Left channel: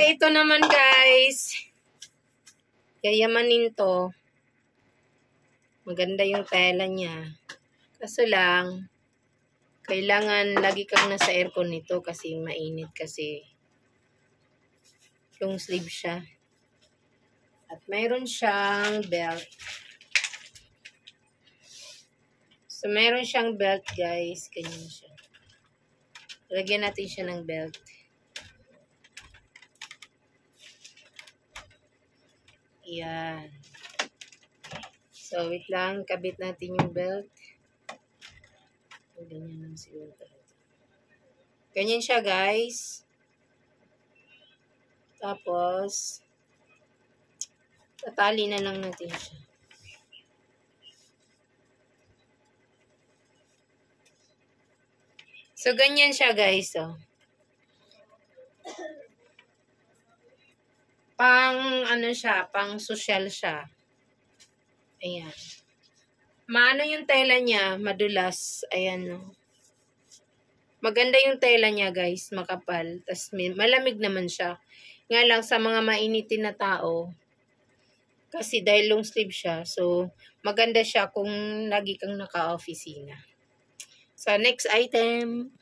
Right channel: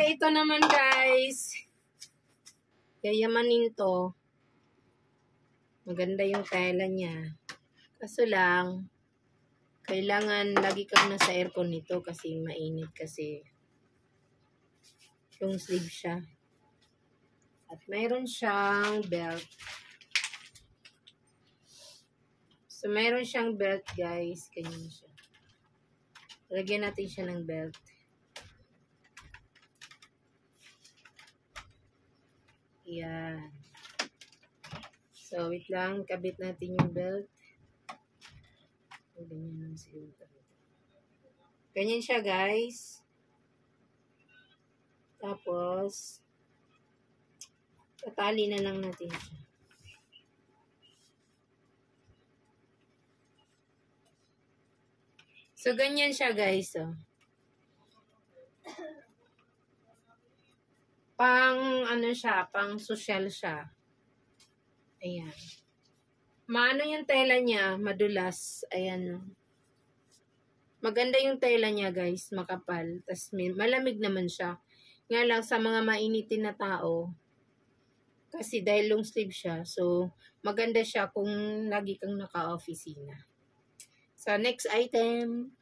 Okay, ito naman guys. Yayamanin to. Maganda yung tela niya. Kaso lang, kailangan lagi kang nasa aircon nito kasi mainit kasi long sleeve siya. At mayroon siyang belt. So, mayroon siyang belt guys. Ganyan siya. Lagyan natin siya ng belt. Yan. So, wait lang. Kabit natin yung belt. Ganyan lang siguro. Ganyan siya, guys. Tapos, tatali na lang natin siya. So, ganyan siya, guys. Oh. Ano siya, pang social siya. Ayan. Maano yung tela niya, madulas. Ayan, no. Maganda yung tela niya, guys, makapal. Tapos malamig naman siya. Nga lang sa mga mainitin na tao, kasi dahil long sleeve siya, so maganda siya kung lagi kang naka-opisina. So, next item.